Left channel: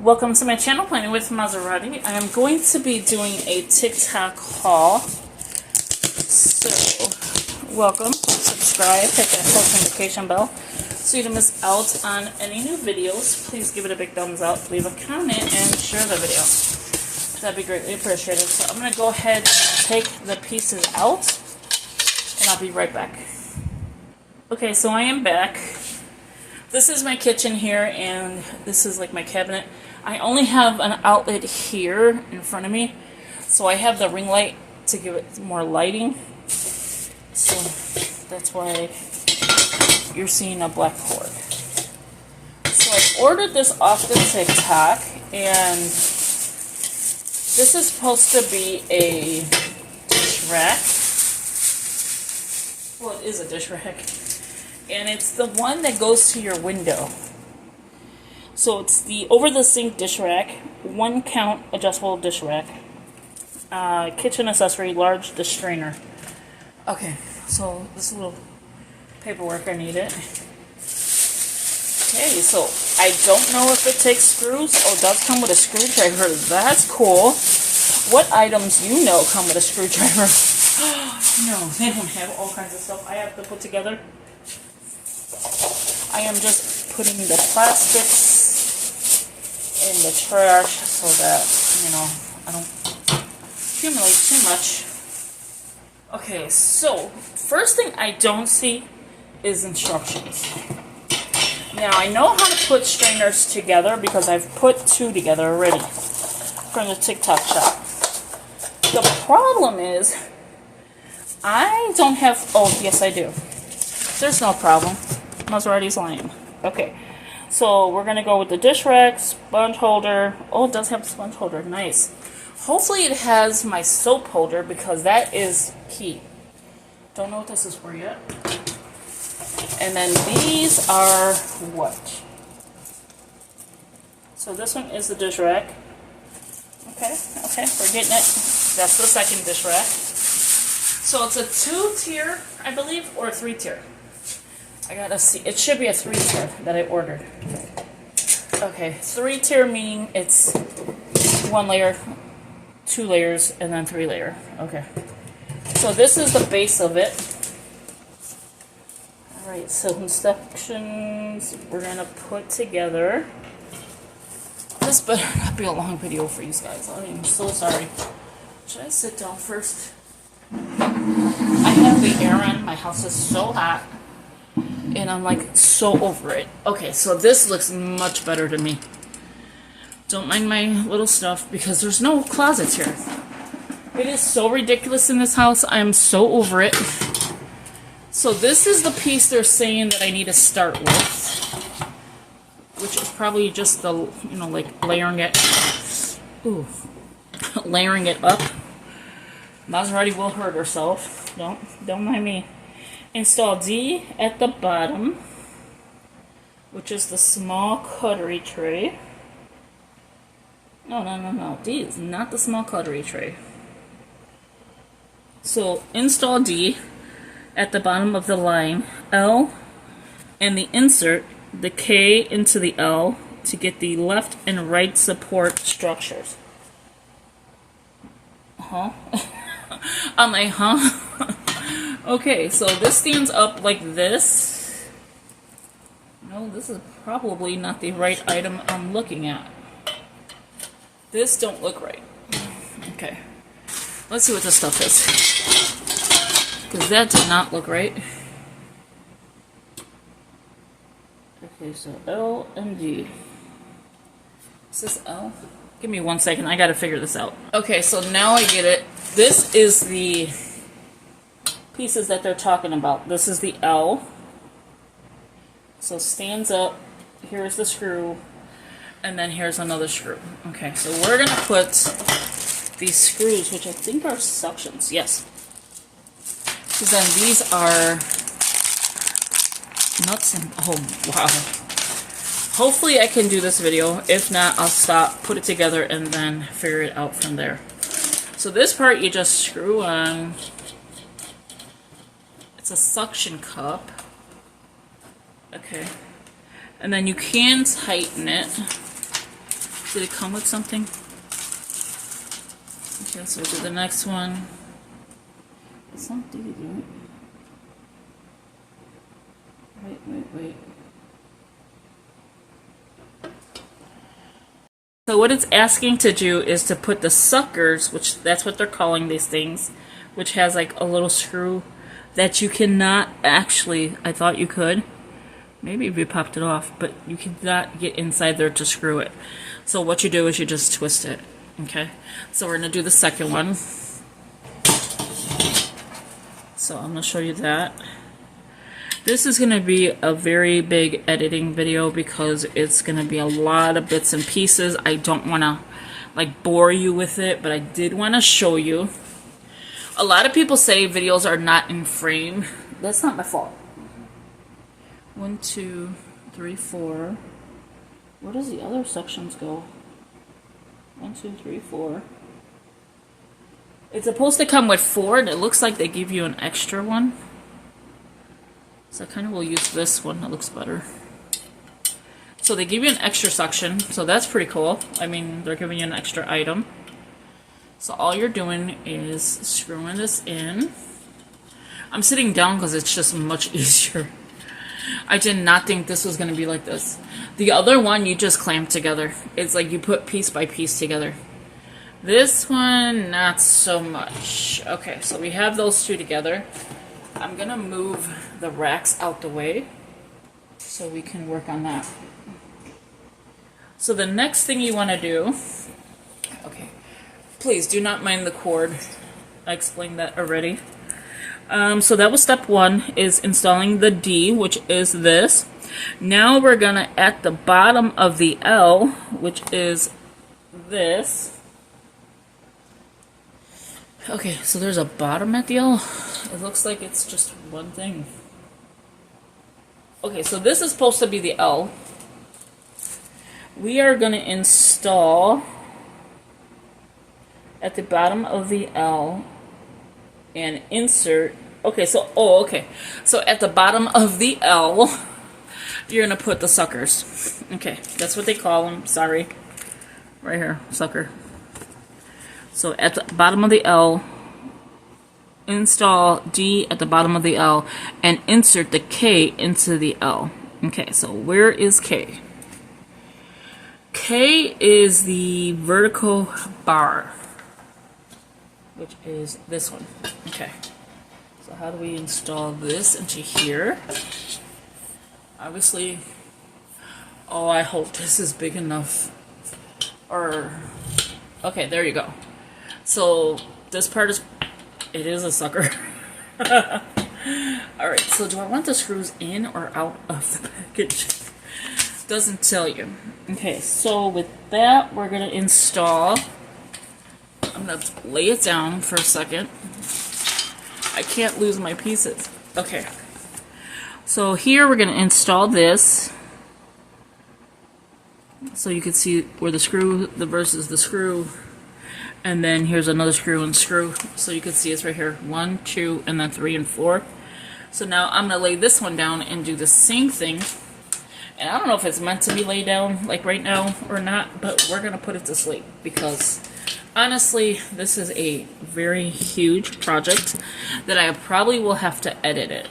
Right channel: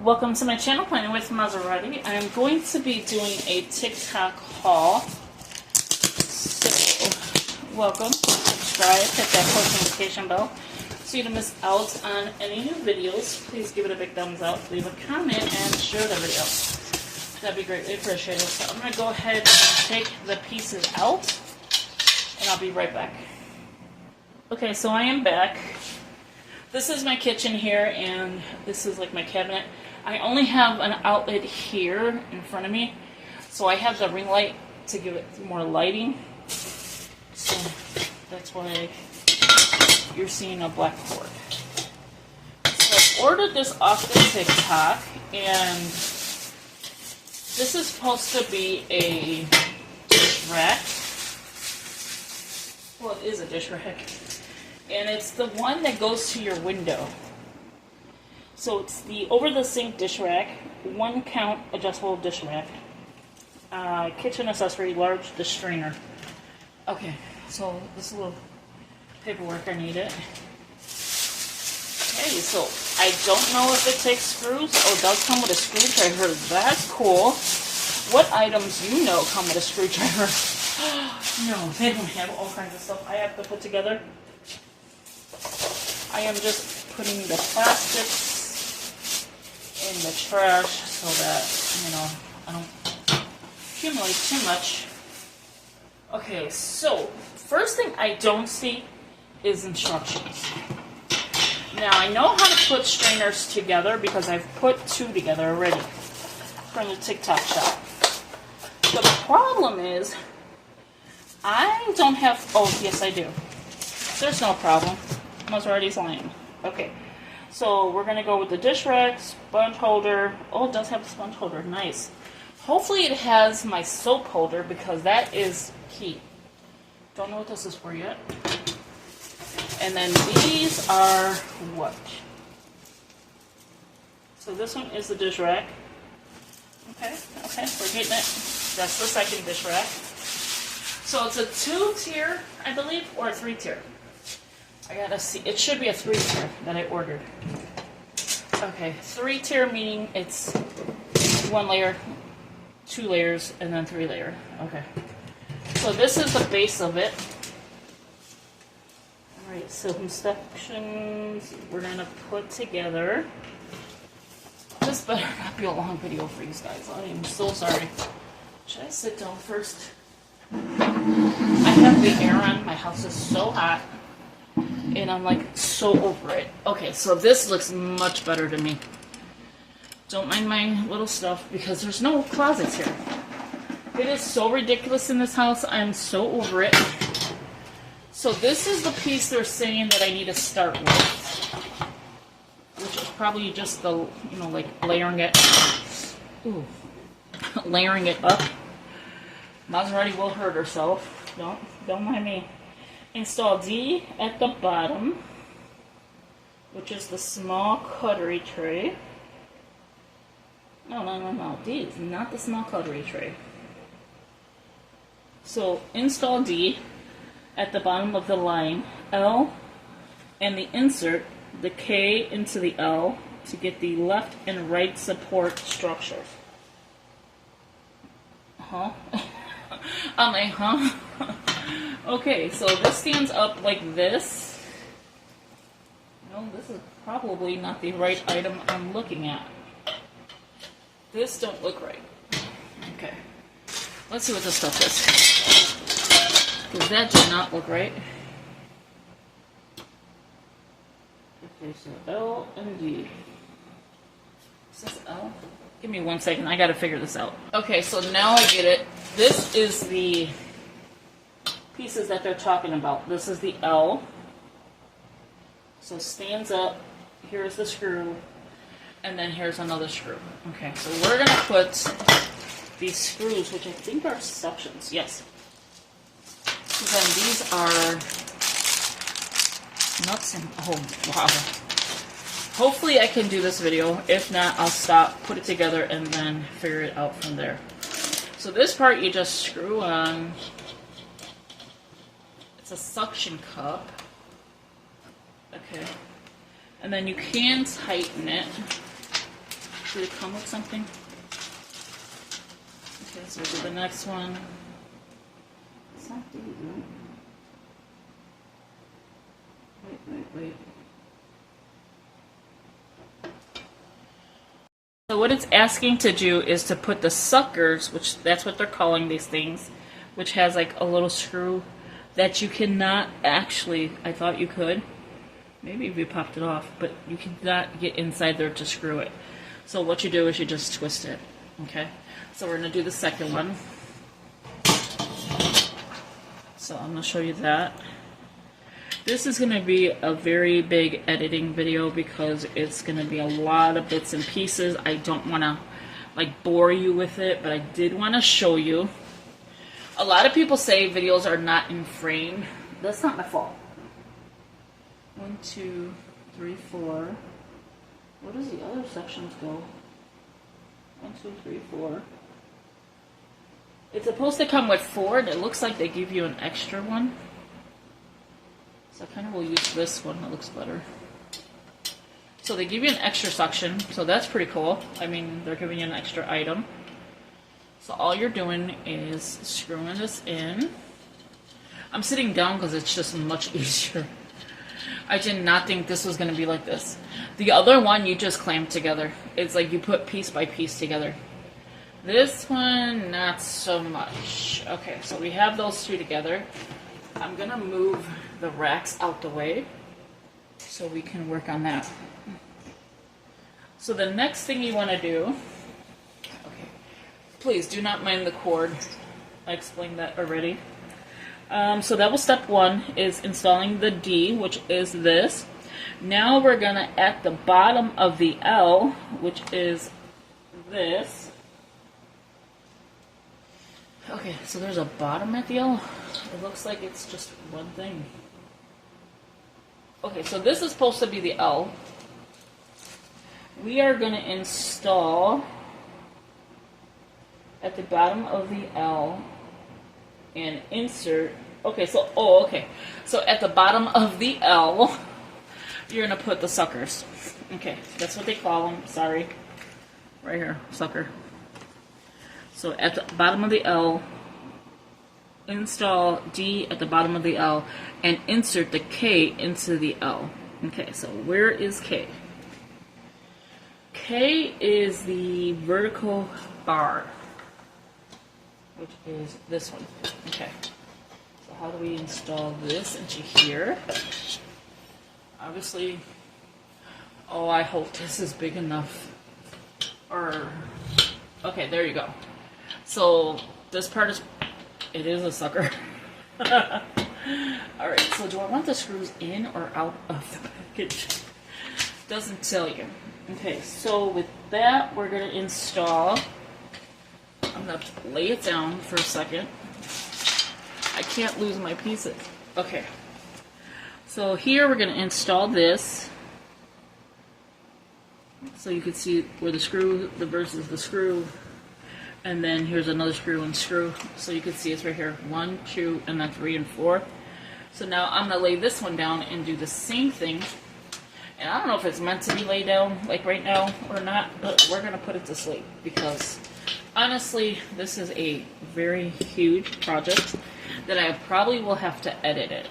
Welcome to my channel, Planning with Maserati. I am going to be doing a TikTok haul. So, welcome. Subscribe, hit that post notification bell so you don't miss out on any new videos. Please give it a big thumbs up, leave a comment, and share the video. That'd be greatly appreciated. So I'm going to go ahead and take the pieces out, and I'll be right back. Okay, so I am back. This is my kitchen here, and this is like my cabinet. I only have an outlet here in front of me, so I have the ring light to give it more lighting. So that's why you're seeing a black cord. So I ordered this off the TikTok, and this is supposed to be a dish rack. Well, it is a dish rack. And it's the one that goes to your window. So it's the over-the-sink dish rack, 1 count adjustable dish rack, kitchen accessory, large dish strainer. Okay, so this little paperwork, I need it. Okay, so I don't know if it takes screws. Oh, it does come with a screwdriver. That's cool. What items you know come with a screwdriver? No, they don't have all kinds of stuff I have to put together. I am just putting the plastics in the trash so that, you know, I don't accumulate too much. Okay, so first thing I don't see is instructions. Now, I know how to put strainers together because I've put 2 together already from the TikTok shop. The problem is I don't have, oh, yes I do. There's no problem. Maserati's lying. Okay, so we're gonna go with the dish rack, sponge holder. Oh, it does have a sponge holder. Nice. Hopefully it has my soap holder because that is key. Don't know what this is for yet. And then these are what? So this one is the dish rack. Okay, we're getting it. That's the second dish rack. So it's a 2-tier, I believe, or a 3-tier. I gotta see. It should be a 3-tier that I ordered. Okay, 3-tier meaning it's 1 layer, 2 layers, and then 3 layer. Okay. So this is the base of it. Alright, so instructions we're gonna put together. This better not be a long video for you guys. I am so sorry. Should I sit down first? I have the air on. My house is so hot. And I'm like so over it. Okay, so this looks much better to me. Don't mind my little stuff because there's no closets here. It is so ridiculous in this house. I'm so over it. So this is the piece they're saying that I need to start with, which is probably just the, you know, like layering it. Ooh, layering it up. Maserati will hurt herself. Don't mind me. Install D at the bottom, which is the small cutlery tray. No. D is not the small cutlery tray. So install D at the bottom of the line, L, and the insert the K into the L to get the left and right support structures. Huh? I'm like, huh? Okay, so this stands up like this. No, this is probably not the right item I'm looking at. This don't look right. Okay. Let's see what this stuff is. Because that did not look right. Okay, so L and D. Is this L? Give me 1 second. I gotta figure this out. Okay, so now I get it. This is the pieces that they're talking about. This is the L. So stands up. Here's the screw. And then here's another screw. Okay, so we're going to put these screws, which I think are suctions. Yes. Because then these are nuts and, oh, wow. Hopefully I can do this video. If not, I'll stop, put it together, and then figure it out from there. So this part you just screw on. It's a suction cup. Okay. And then you can tighten it. Did it come with something? Okay, so we'll do the next one. It's not D, dude. Wait. So what it's asking to do is to put the suckers, which that's what they're calling these things, which has like a little screw that you cannot actually, I thought you could. Maybe if you popped it off, but you cannot get inside there to screw it. So what you do is you just twist it. Okay, so we're going to do the second one. So I'm going to show you that. This is going to be a very big editing video because it's going to be a lot of bits and pieces. I don't want to like bore you with it, but I did want to show you. A lot of people say videos are not in frame. That's not my fault. 1, 2, 3, 4. Where does the other sections go? 1, 2, 3, 4. It's supposed to come with 4, and it looks like they give you an extra one. So I kind of will use this one. It looks better. So they give you an extra section, so that's pretty cool. I mean, they're giving you an extra item. So all you're doing is screwing this in. I'm sitting down because it's just much easier. I did not think this was going to be like this. The other one you just clamp together. It's like you put piece by piece together. This one, not so much. Okay, so we have those two together. I'm going to move the racks out the way so we can work on that. So the next thing you want to do, okay, please do not mind the cord. I explained that already. So that was step 1, is installing the D, which is this. Now we're going to, at the bottom of the L, which is this. Okay, so there's a bottom at the L. It looks like it's just one thing. Okay, so this is supposed to be the L. We are going to install at the bottom of the L and insert. Okay, so so at the bottom of the L, you're gonna put the suckers. Okay, that's what they call them. Sorry, right here, sucker. So at the bottom of the L, install D at the bottom of the L, and insert the K into the L. Okay, so where is K? K is the vertical bar, which is this one. Okay, so how do we install this into here? Obviously, oh, I hope this is big enough. Or, okay, there you go. So this part is, it is a sucker. Alright, so do I want the screws in or out of the package? Doesn't tell you. Okay, so with that, we're going to install. I'm going to lay it down for a second. I can't lose my pieces. Okay. So here we're going to install this. So you can see where the screw, the versus the screw. And then here's another screw and screw. So you can see it's right here. 1, 2, and then 3 and 4. So now I'm going to lay this one down and do the same thing. And I don't know if it's meant to be laid down like right now or not, but we're going to put it to sleep because honestly, this is a very huge project that I probably will have to edit it.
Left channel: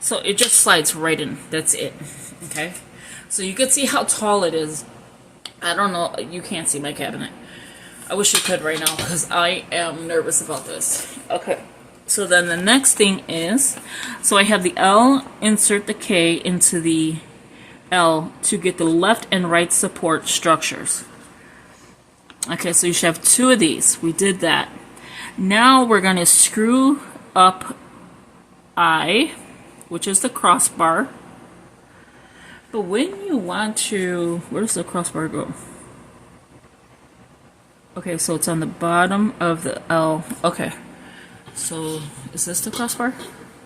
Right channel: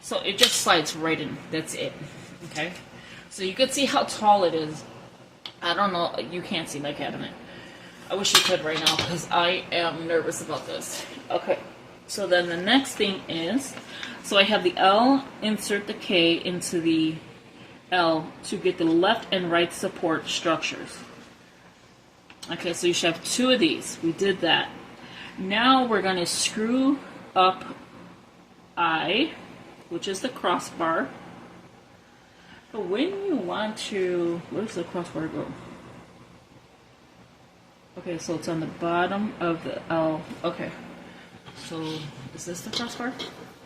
So it just slides right in. That's it. Okay? So you can see how tall it is. I don't know. You can't see my cabinet. I wish you could right now because I am nervous about this. Okay. So then the next thing is, so I have the L, insert the K into the L to get the left and right support structures. Okay, so you should have 2 of these. We did that. Now we're going to screw up I, which is the crossbar. But when you want to, where does the crossbar go? Okay, so it's on the bottom of the L. Okay, so is this the crossbar?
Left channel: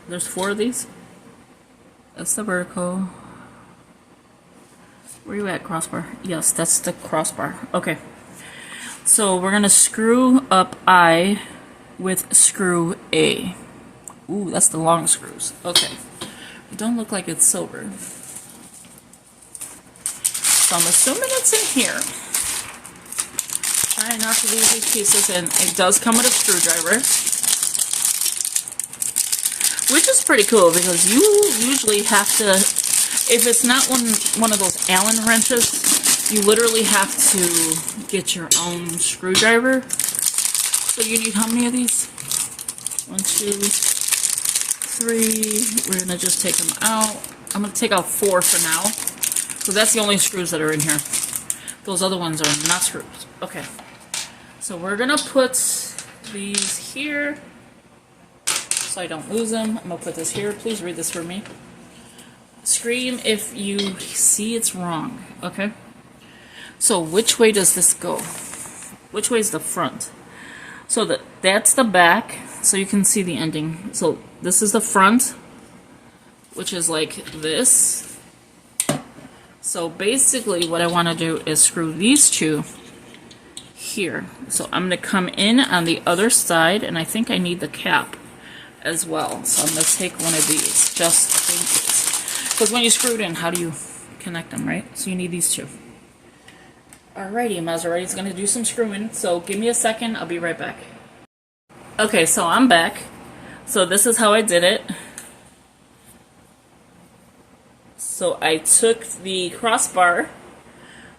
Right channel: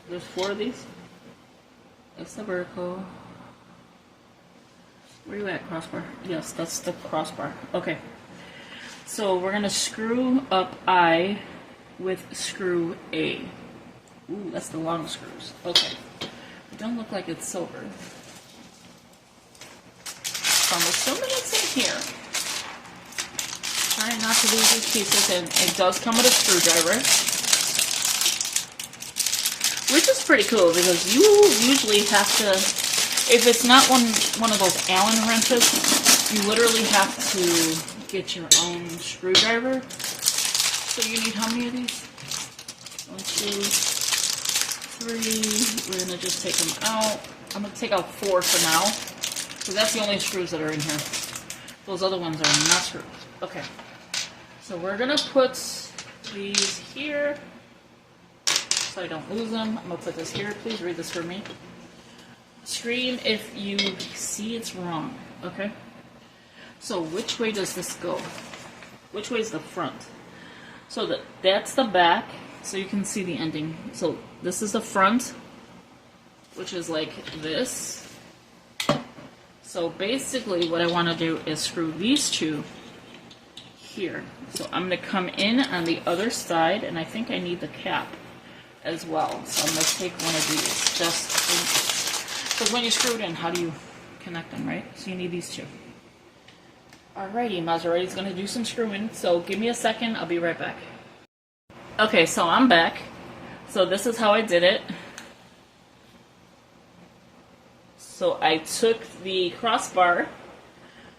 There's 4 of these. That's the vertical. Where you at, crossbar? Yes, that's the crossbar. Okay. So we're going to screw up I with screw A. Ooh, that's the long screws. Okay. It don't look like it's silver. So I'm assuming it's in here. Try not to lose these pieces, and it does come with a screwdriver, which is pretty cool because you usually have to, if it's not one of those Allen wrenches, you literally have to get your own screwdriver. So you need how many of these? 1, 2, 3. We're gonna just take them out. I'm gonna take out 4 for now. So that's the only screws that are in here. Those other ones are not screws. Okay. So we're gonna put these here so I don't lose them. I'm gonna put this here. Please read this for me. Scream if you see it's wrong. Okay. So which way does this go? Which way is the front? So that's the back, so you can see the ending. So this is the front, which is like this. So basically what I want to do is screw these two here. So I'm going to come in on the other side, and I think I need the cap as well. So I'm going to take one of these, just in case. Because when you screw it in, how do you connect them, right? So you need these two. Alrighty, Maserati's going to do some screwing, so give me a second, I'll be right back. Okay, so I'm back. So this is how I did it. So I took the crossbar,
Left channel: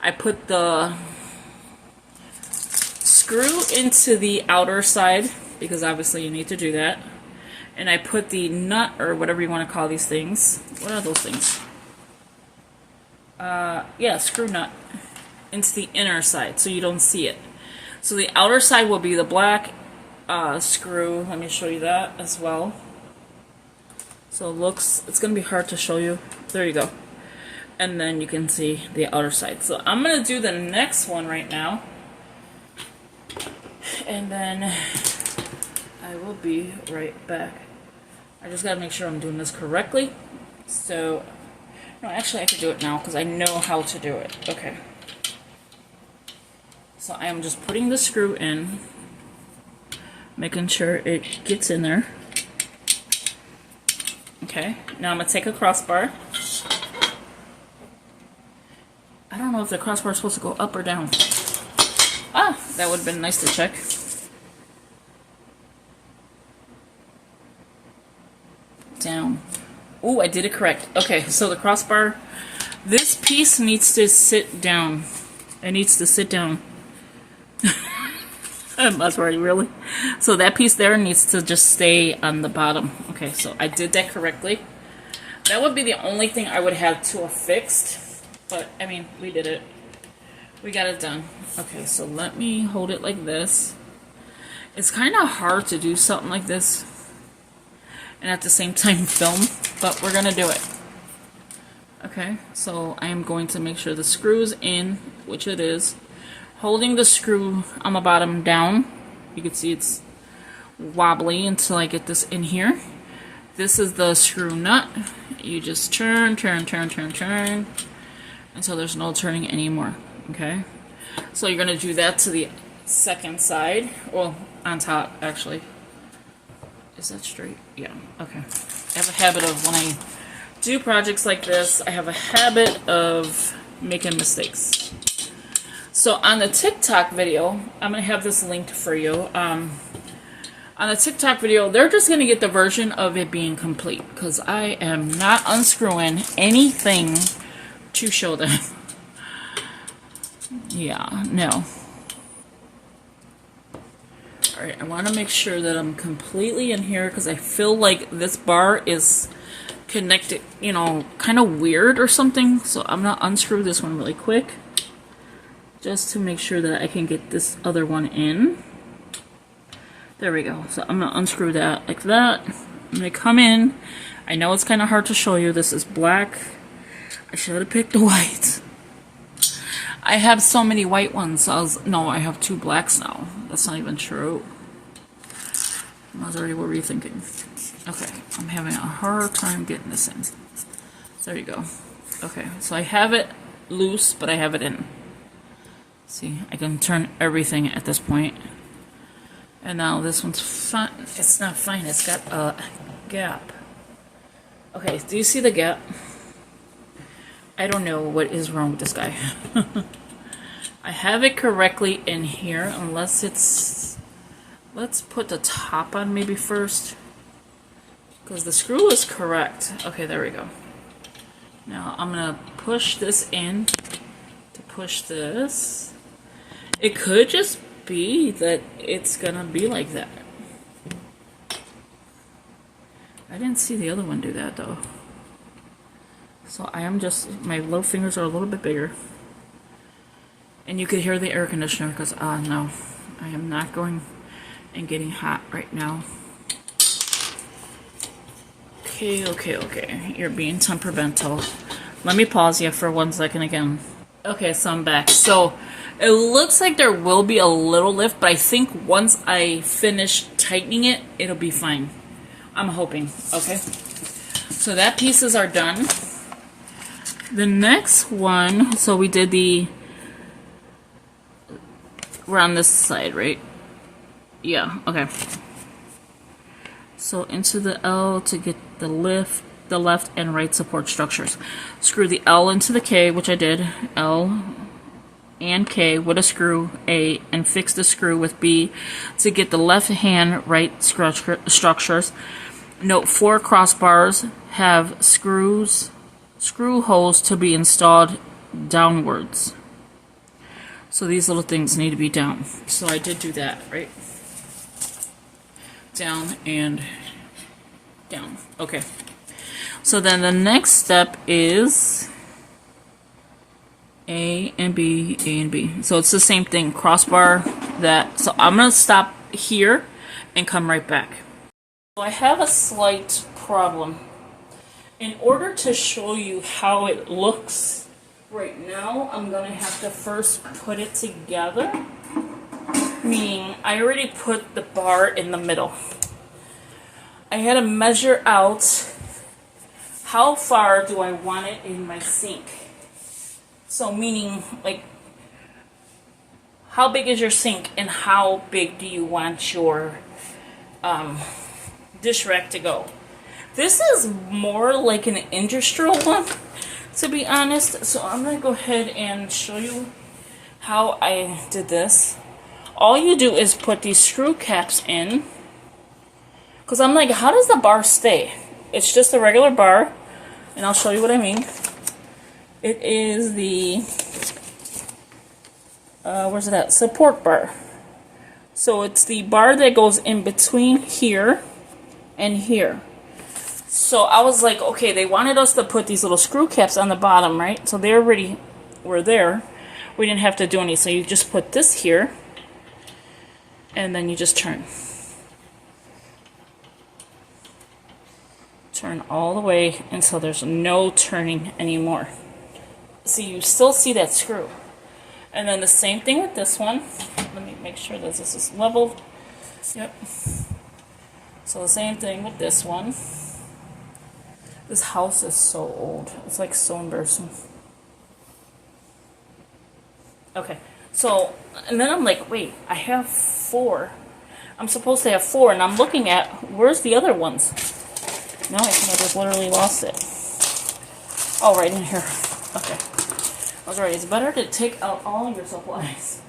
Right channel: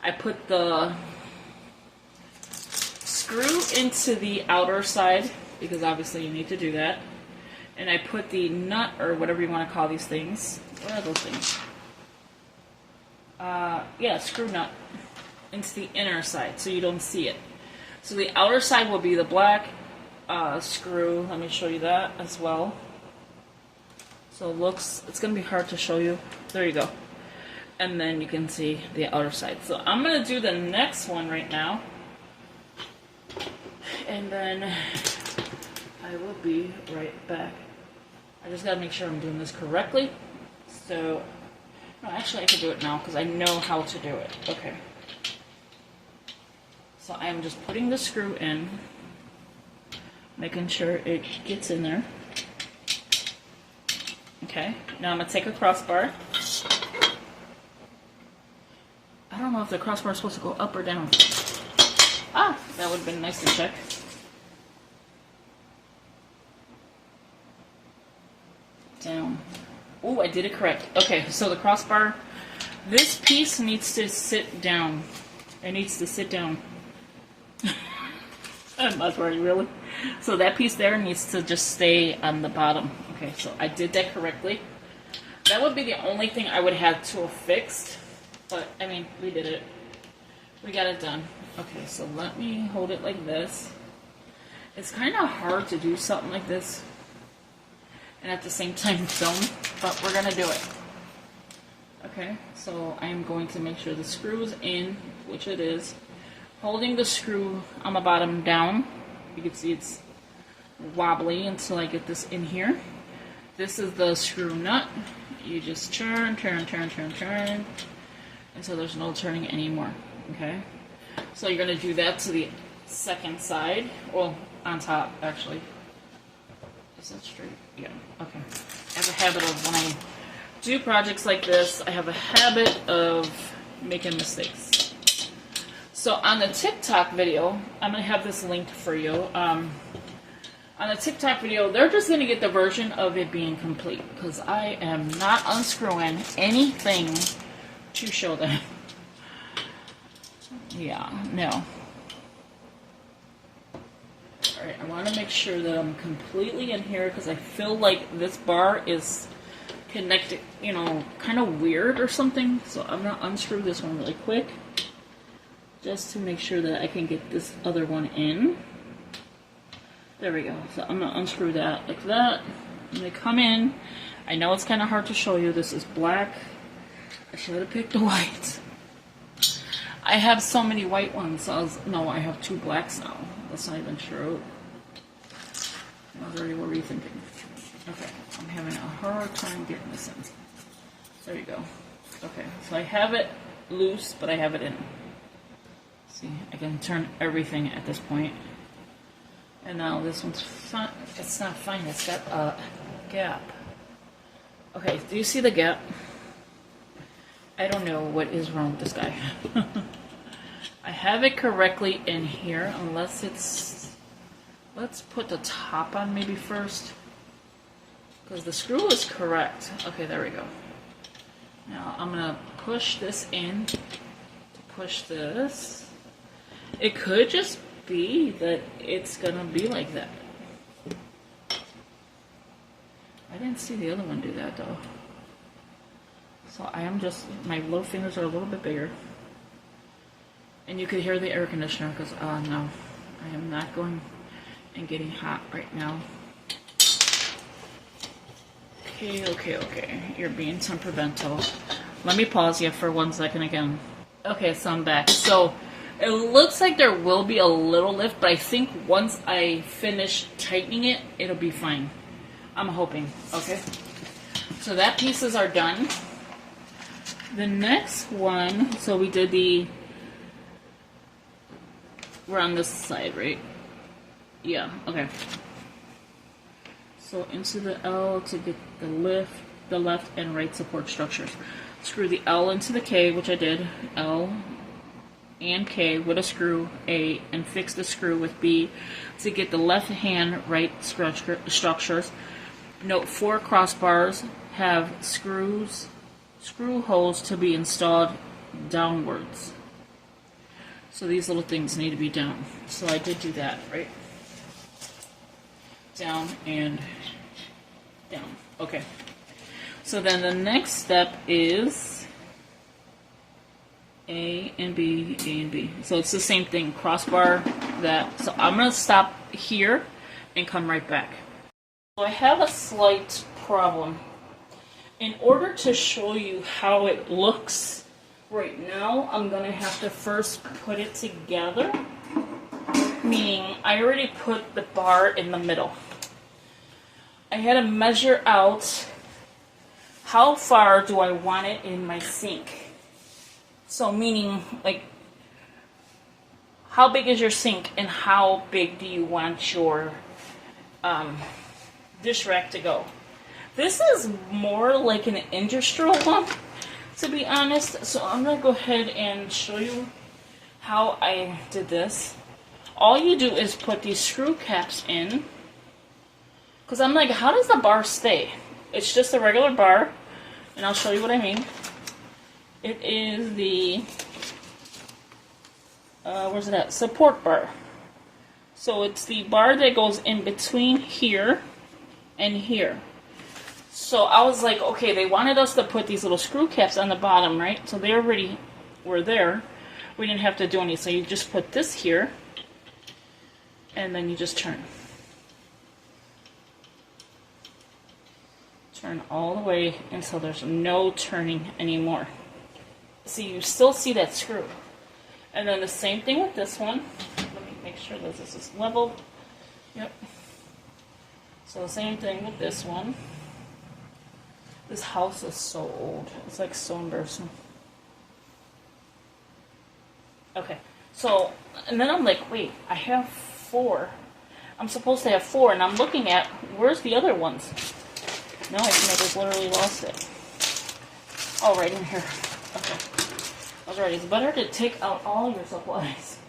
I put the screw into the outer side, because obviously you need to do that. And I put the nut, or whatever you want to call these things. What are those things? Yeah, screw nut. Into the inner side so you don't see it. So the outer side will be the black screw. Let me show you that as well. So it looks, it's going to be hard to show you. There you go. And then you can see the outer side. So I'm going to do the next one right now. And then I will be right back. I just got to make sure I'm doing this correctly. So, no, actually I can do it now because I know how to do it. Okay. So I'm just putting the screw in, making sure it gets in there. Okay, now I'm going to take a crossbar. I don't know if the crossbar is supposed to go up or down. Ah, that would have been nice to check. Down. Ooh, I did it correct. Okay, so the crossbar, this piece needs to sit down. It needs to sit down. That's right, really. So that piece there needs to just stay on the bottom. Okay, so I did that correctly. That would be the only thing I would have to have fixed. But, I mean, we did it. We got it done. Okay, so let me hold it like this. It's kind of hard to do something like this and at the same time film, but we're going to do it. Okay, so I am going to make sure the screw's in, which it is. Holding the screw on the bottom down, you can see it's wobbly until I get this in here. This is the screw nut. You just turn, turn, turn, turn, turn, until there's no turning anymore, okay? So you're gonna do that to the second side, well, on top, actually. Is that straight? Yeah, okay. I have a habit of, when I do projects like this, I have a habit of making mistakes. So on the TikTok video, I'm going to have this linked for you. On the TikTok video, they're just going to get the version of it being complete, because I am not unscrewing anything to show them. Yeah, no. Alright, I want to make sure that I'm completely in here, because I feel like this bar is connected, you know, kind of weird or something. So I'm going to unscrew this one really quick, just to make sure that I can get this other one in. There we go. So I'm going to unscrew that like that. I'm going to come in. I know it's kind of hard to show you. This is black. I should have picked the white. I have so many white ones. No, I have 2 blacks now. That's not even true. Maserati, what were you thinking? Okay, I'm having a hard time getting this in. There you go. Okay, so I have it loose, but I have it in. See, I can turn everything at this point. And now this one's fine. It's not fine, it's got a gap. Okay, do you see the gap? I don't know what is wrong with this guy. I have it correctly in here, unless it's... Let's put the top on maybe first. Because the screw is correct. Okay, there we go. Now I'm going to push this in to push this. It could just be that it's going to be like that. I didn't see the other one do that though. So I am just, my little fingers are a little bit bigger. And you could hear the air conditioner because, no, I am not going and getting hot right now. Okay. You're being temperamental. Let me pause you for 1 second again. Okay, so I'm back. So it looks like there will be a little lift, but I think once I finish tightening it, it'll be fine. I'm hoping. Okay. So that pieces are done. The next one, so we did we're on this side, right? Yeah, okay. So into the L to get the left and right support structures. Screw the L into the K, which I did, L and K with a screw, A, and fix the screw with B to get the left hand right structures. Note 4 crossbars have screw holes to be installed downwards. So these little things need to be down. So I did do that, right? Down and down. Okay. So then the next step is A and B, A and B. So it's the same thing, crossbar that. So I'm going to stop here and come right back. So I have a slight problem. In order to show you how it looks right now, I'm going to have to first put it together. Meaning, I already put the bar in the middle. I had to measure out how far do I want it in my sink. So meaning, like, how big is your sink and how big do you want your dish rack to go? This is more like an industrial one, to be honest. So I'm going to go ahead and show you how I did this. All you do is put these screw caps in. Because I'm like, how does the bar stay? It's just a regular bar. And I'll show you what I mean. It is the, where's it at? Support bar. So it's the bar that goes in between here and here. So I was like, okay, they wanted us to put these little screw caps on the bottom, right? So they already were there. We didn't have to do anything. So you just put this here. And then you just turn. Turn all the way until there's no turning anymore. So you still see that screw. And then the same thing with this one. Let me make sure that this is level. Yep. So the same thing with this one. This house is so old. It's like so embarrassing. Okay. So, and then I'm like, wait, I have 4. I'm supposed to have 4, and I'm looking at, where's the other ones? No, I think I just literally lost it. Oh, right in here. Okay. I was right. It's better to take out all your supplies.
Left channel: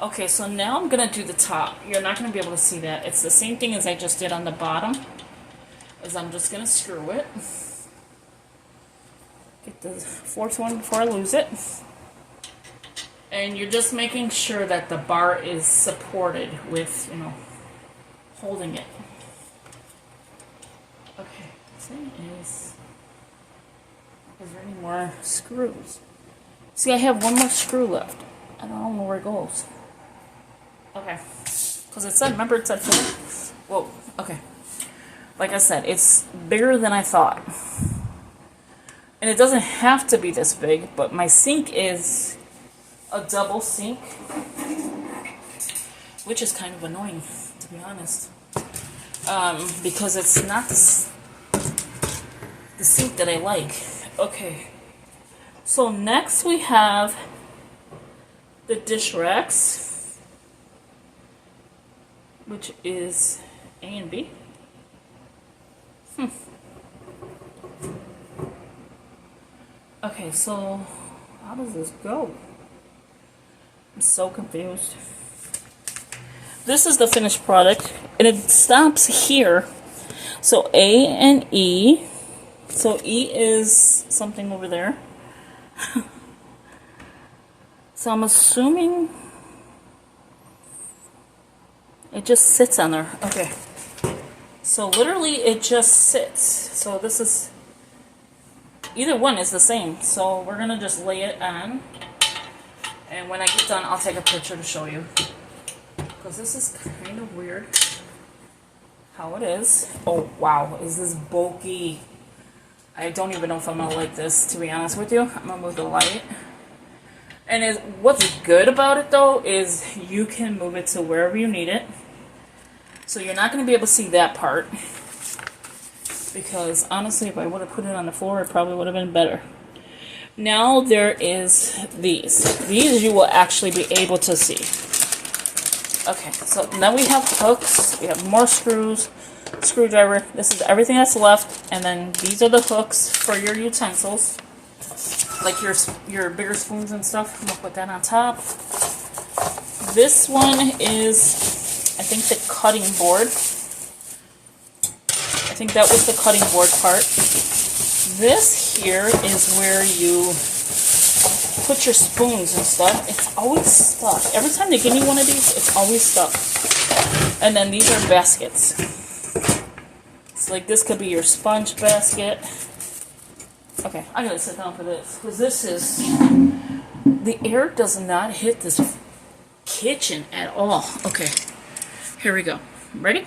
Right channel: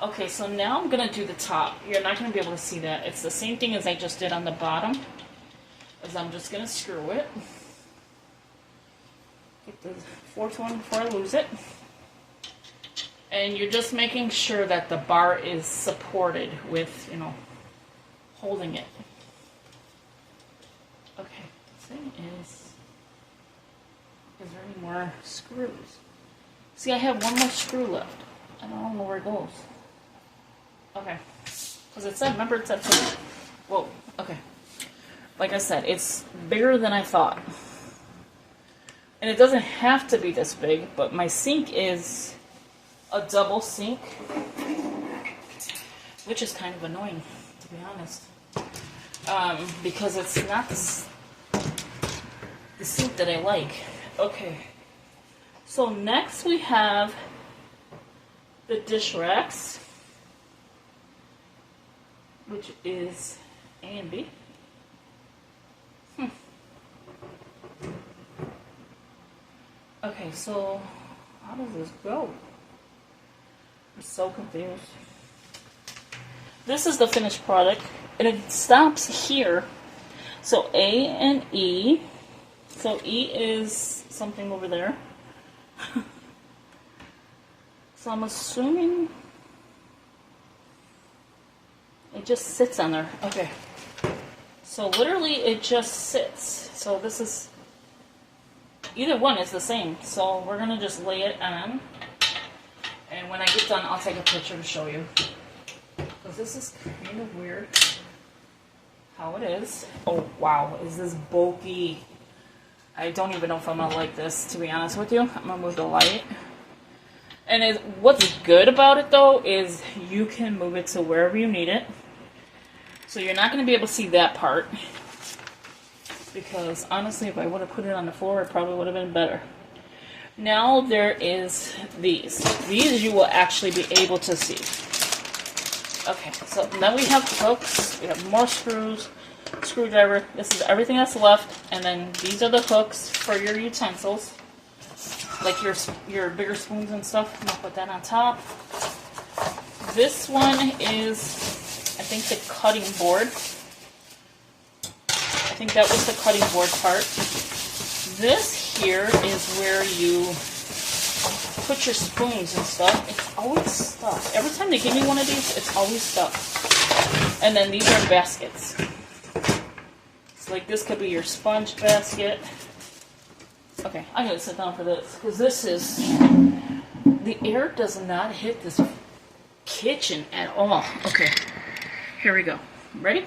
Okay, so now I'm going to do the top. You're not going to be able to see that. It's the same thing as I just did on the bottom. Is I'm just going to screw it. Get the 4th one before I lose it. And you're just making sure that the bar is supported with, you know, holding it. Okay, thing is there any more screws? See, I have 1 more screw left. I don't know where it goes. Okay, because it said, remember it said, whoa, okay. Like I said, it's bigger than I thought. And it doesn't have to be this big, but my sink is a double sink, which is kind of annoying, to be honest. Because it's not the sink that I like. Okay. So next we have the dish racks, which is A and B. Okay, so how does this go? I'm so confused. This is the finished product, and it stops here. So A and E. So E is something over there. So I'm assuming it just sits on there. Okay. So literally it just sits. So this is, either one is the same. So we're going to just lay it on. And when I get done, I'll take a picture to show you. Because this is kind of weird how it is. Oh, wow. Is this bulky? I don't even know if I'm going to like this, to be honest with you. I'm going to move the light. And what's good about it, though, is you can move it to wherever you need it. So you're not going to be able to see that part. Because, honestly, if I would have put it on the floor, it probably would have been better. Now there is these. These you will actually be able to see. Okay, so then we have hooks. We have more screws, screwdriver. This is everything that's left. And then these are the hooks for your utensils. Like your bigger spoons and stuff. I'm going to put that on top. This one is, I think, the cutting board. I think that was the cutting board part. This here is where you put your spoons and stuff. It's always stuck. Every time they give me one of these, it's always stuck. And then these are baskets. So like this could be your sponge basket. Okay, I gotta sit down for this, because this is, the air does not hit this kitchen at all. Okay, here we go. Ready?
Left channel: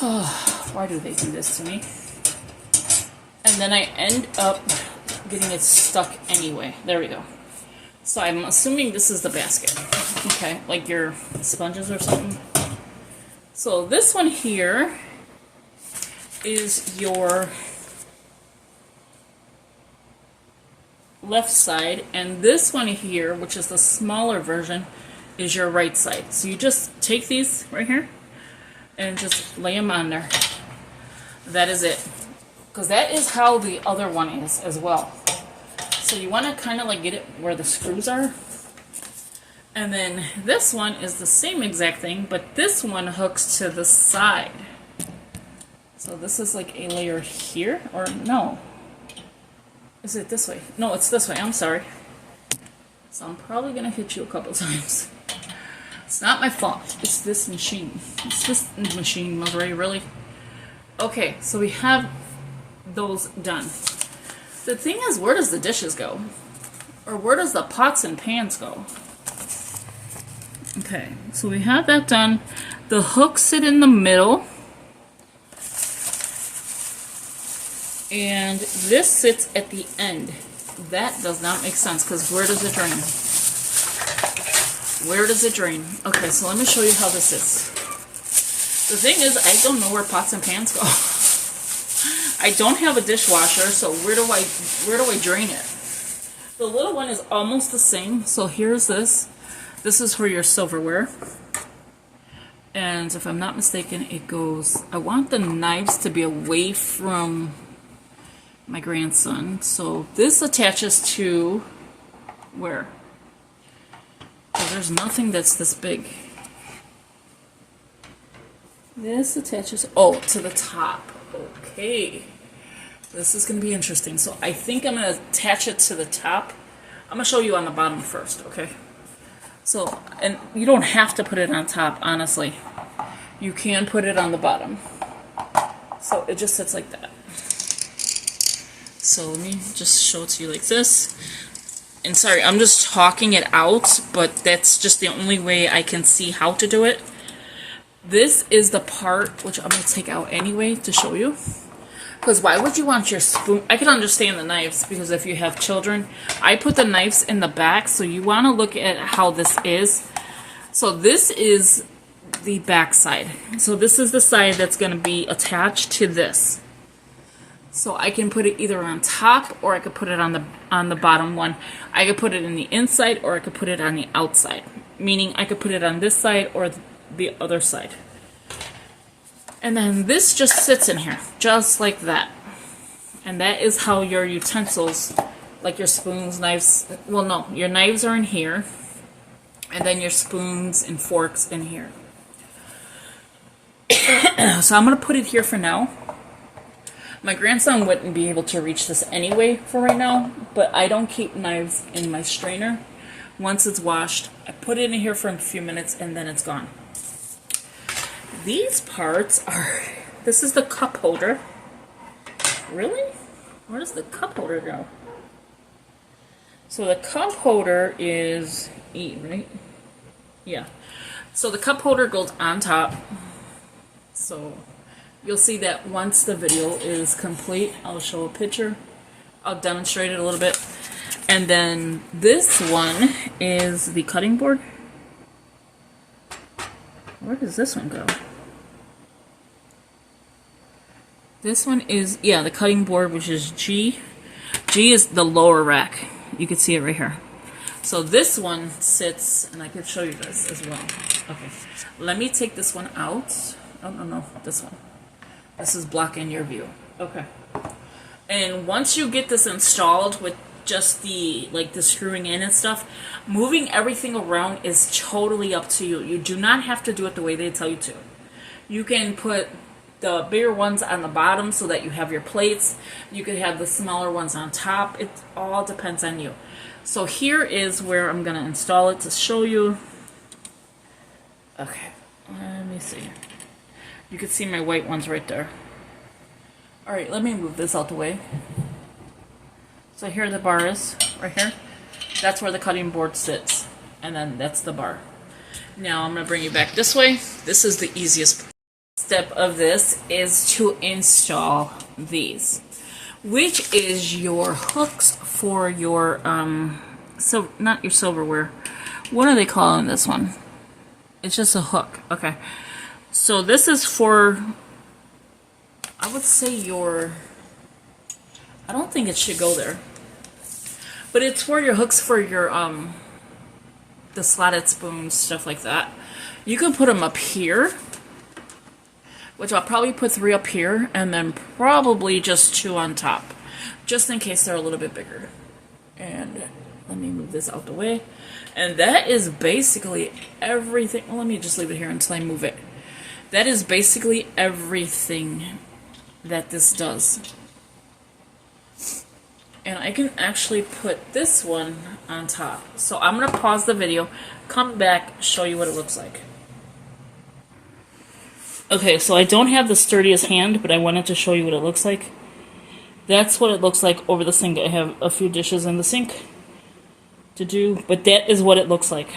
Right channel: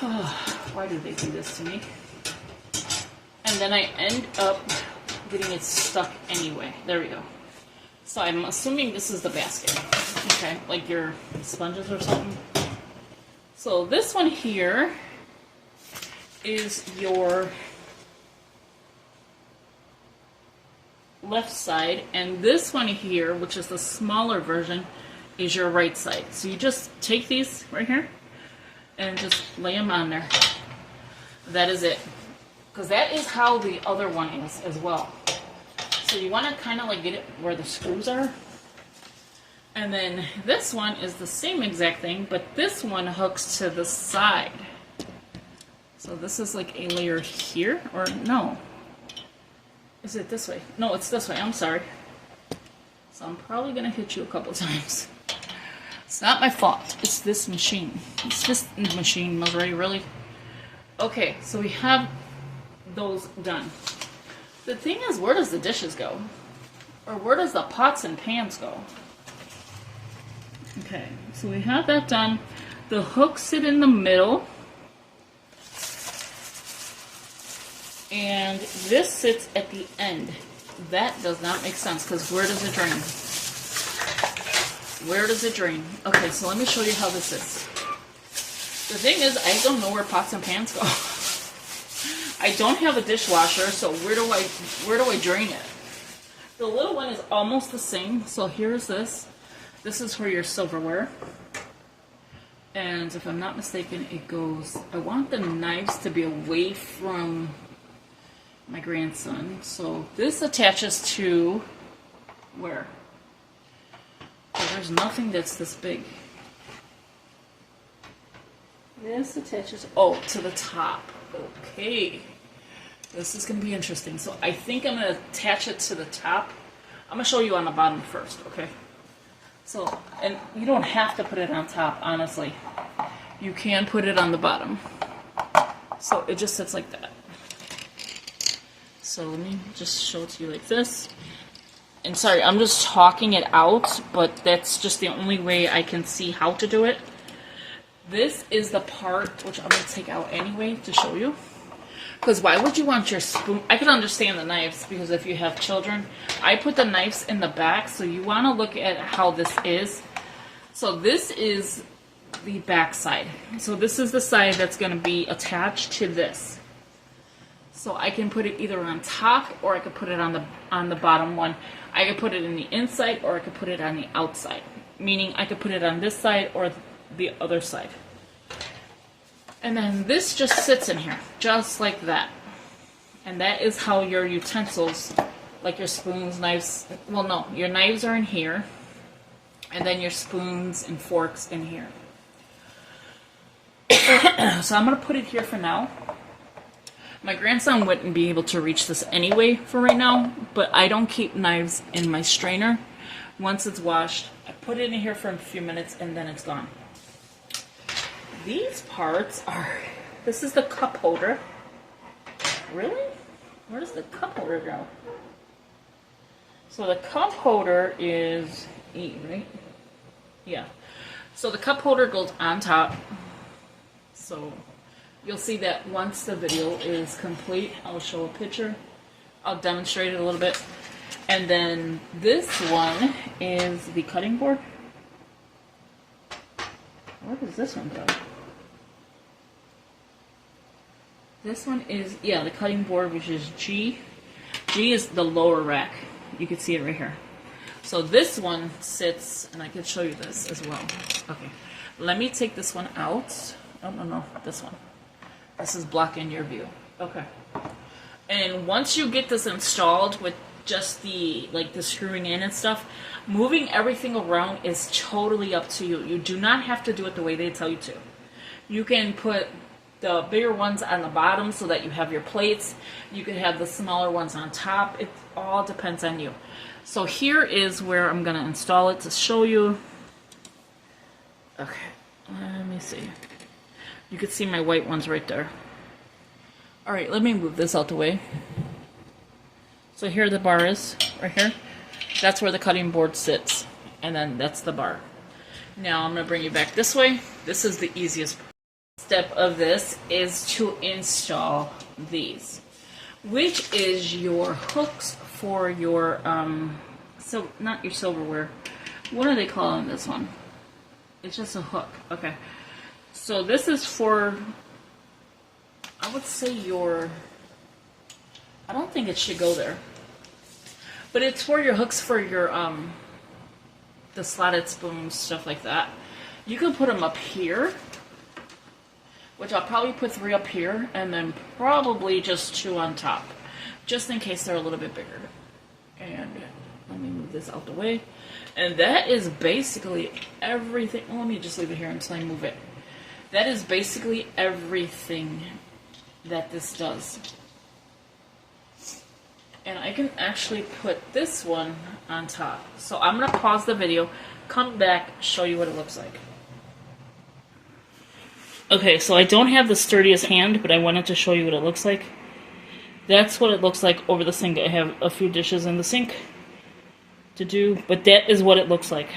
Oh, why do they do this to me? And then I end up getting it stuck anyway. There we go. So I'm assuming this is the basket. Okay, like your sponges or something. So this one here is your left side, and this one here, which is the smaller version, is your right side. So you just take these right here and just lay them on there. That is it. Because that is how the other one is as well. So you want to kind of like get it where the screws are. And then this one is the same exact thing, but this one hooks to the side. So this is like a layer here, or no. Is it this way? No, it's this way. I'm sorry. So I'm probably going to hit you a couple times. It's not my fault. It's this machine. It's this machine, Missouri, really. Okay, so we have those done. The thing is, where does the dishes go? Or where does the pots and pans go? Okay, so we have that done. The hooks sit in the middle. And this sits at the end. That does not make sense, because where does it drain? Where does it drain? Okay, so let me show you how this is. The thing is, I don't know where pots and pans go. I don't have a dishwasher, so where do I drain it? The little one is almost the same. So here's this. This is for your silverware. And if I'm not mistaken, it goes, I want the knives to be away from my grandson. So this attaches to where? Because there's nothing that's this big. This attaches, oh, to the top. Okay. This is going to be interesting. So I think I'm going to attach it to the top. I'm going to show you on the bottom first, okay? So, and you don't have to put it on top, honestly. You can put it on the bottom. So it just sits like that. So let me just show it to you like this. And sorry, I'm just talking it out, but that's just the only way I can see how to do it. This is the part which I'm going to take out anyway to show you. Because why would you want your spoon? I can understand the knives, because if you have children, I put the knives in the back, so you want to look at how this is. So this is the back side. So this is the side that's going to be attached to this. So I can put it either on top, or I could put it on the bottom one. I could put it in the inside, or I could put it on the outside. Meaning I could put it on this side or the other side. And then this just sits in here, just like that. And that is how your utensils, like your spoons, knives. Well, no, your knives are in here, and then your spoons and forks in here. So I'm going to put it here for now. My grandson wouldn't be able to reach this anyway for right now, but I don't keep knives in my strainer. Once it's washed, I put it in here for a few minutes and then it's gone. These parts are, this is the cup holder. Really? Where does the cup holder go? So the cup holder is, right? Yeah. So the cup holder goes on top. So you'll see that once the video is complete, I'll show a picture. I'll demonstrate it a little bit. And then this one is the cutting board. Where does this one go? This one is, yeah, the cutting board, which is G. G is the lower rack. You can see it right here. So this one sits, and I can show you this as well. Okay, let me take this one out. Oh, no, this one. This is blocking your view. Okay. And once you get this installed with just the, like the screwing in and stuff, moving everything around is totally up to you. You do not have to do it the way they tell you to. You can put the bigger ones on the bottom so that you have your plates. You could have the smaller ones on top. It all depends on you. So here is where I'm going to install it to show you. Okay, let me see. You can see my white ones right there. Alright, let me move this out the way. So here the bar is, right here. That's where the cutting board sits. And then that's the bar. Now I'm going to bring you back this way. This is the easiest step of this, is to install these. Which is your hooks for your, so not your silverware. What are they calling this one? It's just a hook. Okay. So this is for, I would say your, I don't think it should go there. But it's for your hooks for your, the slotted spoons, stuff like that. You can put them up here, which I'll probably put 3 up here, and then probably just 2 on top, just in case they're a little bit bigger. And let me move this out the way. And that is basically everything. Well, let me just leave it here until I move it. That is basically everything that this does. And I can actually put this one on top. So I'm going to pause the video, come back, show you what it looks like. Okay, so I don't have the sturdiest hand, but I wanted to show you what it looks like. That's what it looks like over the sink. I have a few dishes in the sink to do, but that is what it looks like.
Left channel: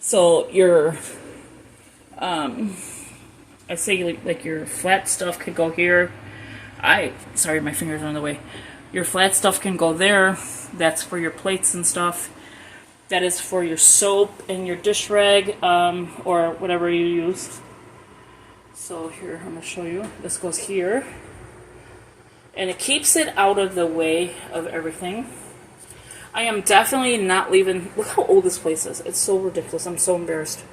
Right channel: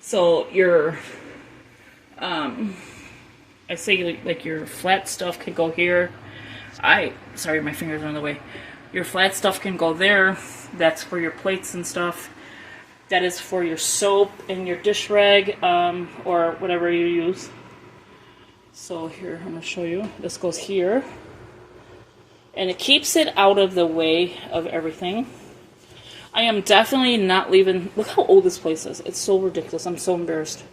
So your, I say like your flat stuff could go here. Sorry, my fingers are in the way. Your flat stuff can go there. That's for your plates and stuff. That is for your soap and your dish rag, or whatever you use. So here, I'm going to show you. This goes here. And it keeps it out of the way of everything. I am definitely not leaving... Look how old this place is. It's so ridiculous. I'm so embarrassed.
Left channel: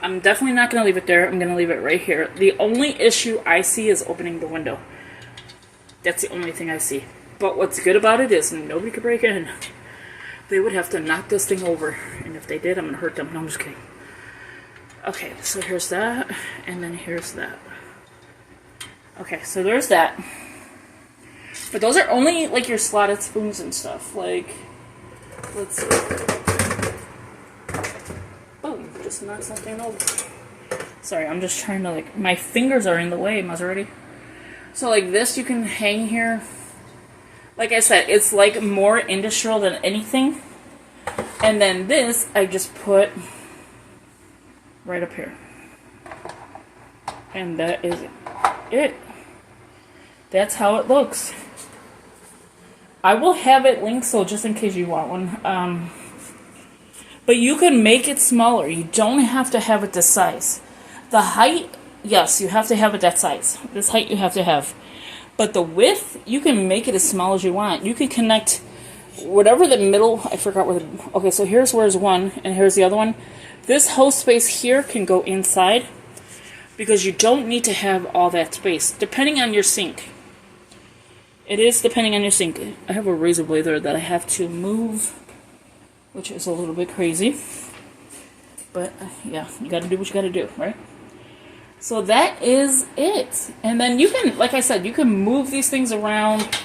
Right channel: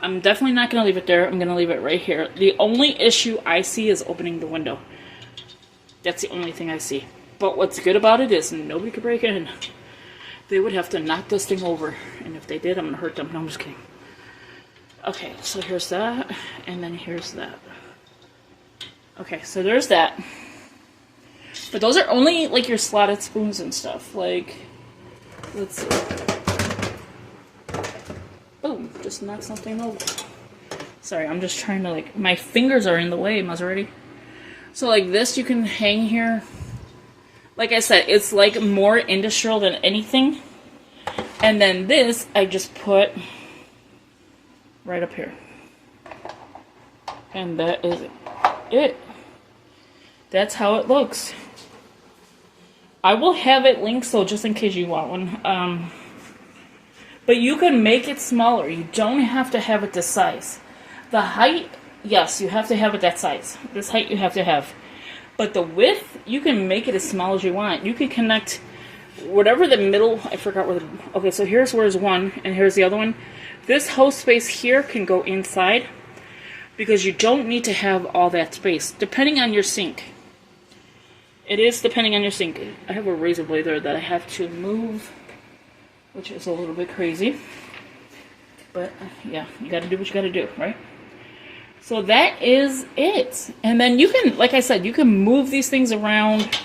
I'm definitely not going to leave it there. I'm going to leave it right here. The only issue I see is opening the window. That's the only thing I see. But what's good about it is nobody could break in. They would have to knock this thing over. And if they did, I'm going to hurt them. No, I'm just kidding. Okay, so here's that. And then here's that. Okay, so there's that. But those are only, like, your slotted spoons and stuff. Like, let's see. Boom, just knocked something over. Sorry, I'm just trying to, like, my fingers are in the way, Maserati. So, like, this you can hang here. Like I said, it's, like, more industrial than anything. And then this, I just put right up here. And that is it. That's how it looks. I will have it linked, so just in case you want one. But you can make it smaller. You don't have to have it this size. The height, yes, you have to have it that size. This height you have to have. But the width, you can make it as small as you want. You can connect whatever the middle, I forgot where the, okay, so here's where's one, and here's the other one. This whole space here can go inside, because you don't need to have all that space, depending on your sink. It is depending on your sink. I have a razor blade there that I have to move, which is a little bit crazy. But yeah, you gotta do what you gotta do, right? So that is it. And then you can, like I said, you can move these things around.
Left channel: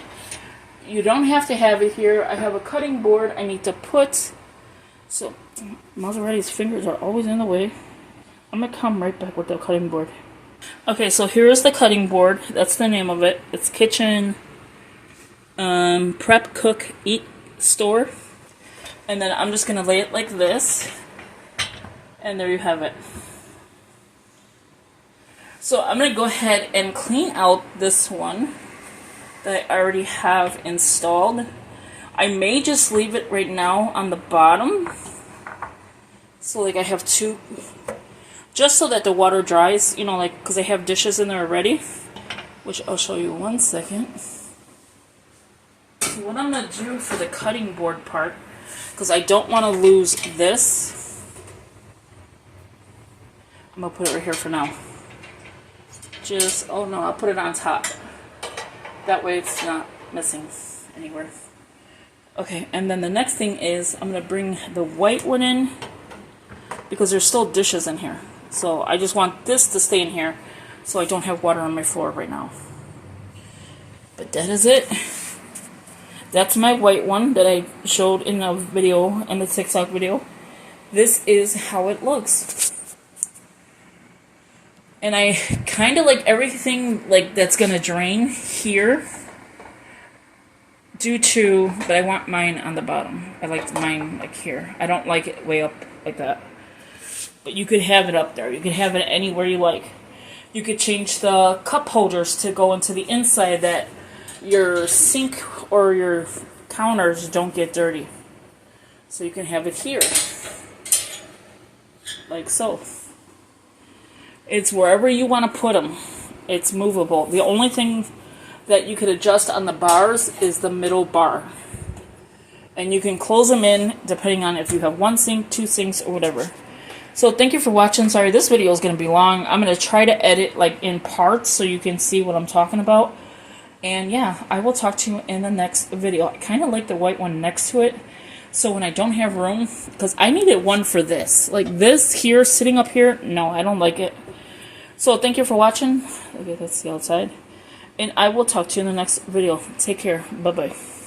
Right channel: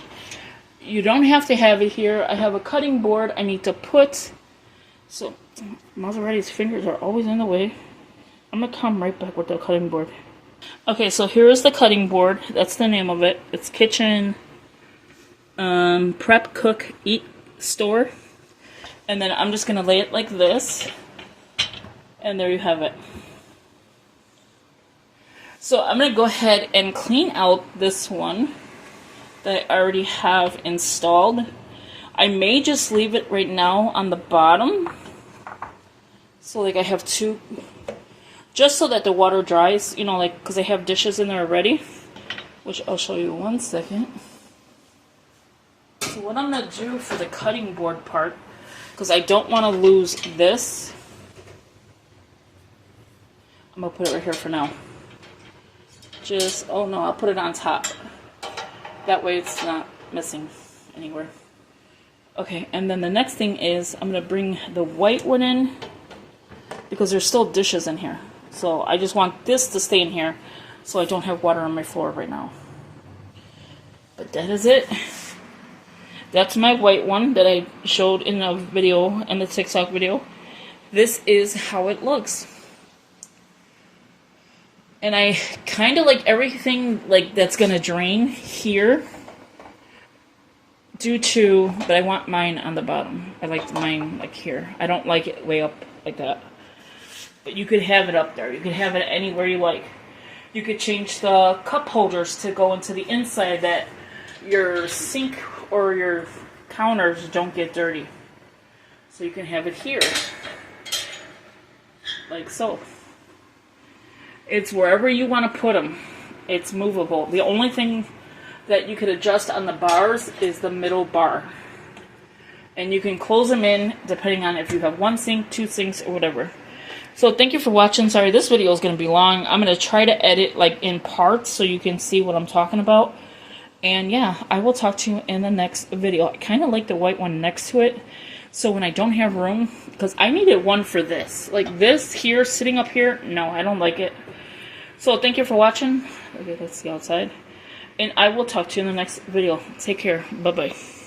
You don't have to have it here. I have a cutting board I need to put. So Maserati's fingers are always in the way. I'm gonna come right back with the cutting board. Okay, so here is the cutting board. That's the name of it. It's Kitchen Prep Cook Eat Store. And then I'm just gonna lay it like this. And there you have it. So I'm going to go ahead and clean out this one that I already have installed. I may just leave it right now on the bottom. So like I have two, just so that the water dries, you know, like, because I have dishes in there already, which I'll show you 1 second. So what I'm going to do for the cutting board part, because I don't want to lose this, I'm going to put it right here for now. Just, oh no, I'll put it on top. That way it's not missing anywhere. Okay, and then the next thing is I'm going to bring the white one in because there's still dishes in here. So I just want this to stay in here so I don't have water on my floor right now. But that is it. That's my white one that I showed in the video, in the TikTok video. This is how it looks. And I kind of like everything like that's going to drain here due to, but I want mine on the bottom. I like mine like here. I don't like it way up like that. But you could have it up there. You could have it anywhere you like. You could change the cup holders to go into the inside that your sink or your counters don't get dirty. So you can have it here. Like so. It's wherever you want to put them. It's movable. The only thing that you could adjust on the bars is the middle bar. And you can close them in depending on if you have one sink, two sinks, or whatever. So thank you for watching. Sorry, this video is going to be long. I'm going to try to edit like in parts so you can see what I'm talking about. And yeah, I will talk to you in the next video. I kind of like the white one next to it. So when I don't have room, because I needed one for this. Like this here, sitting up here, no, I don't like it. So thank you for watching. Okay, that's the outside. And I will talk to you in the next video. Take care. Bye-bye.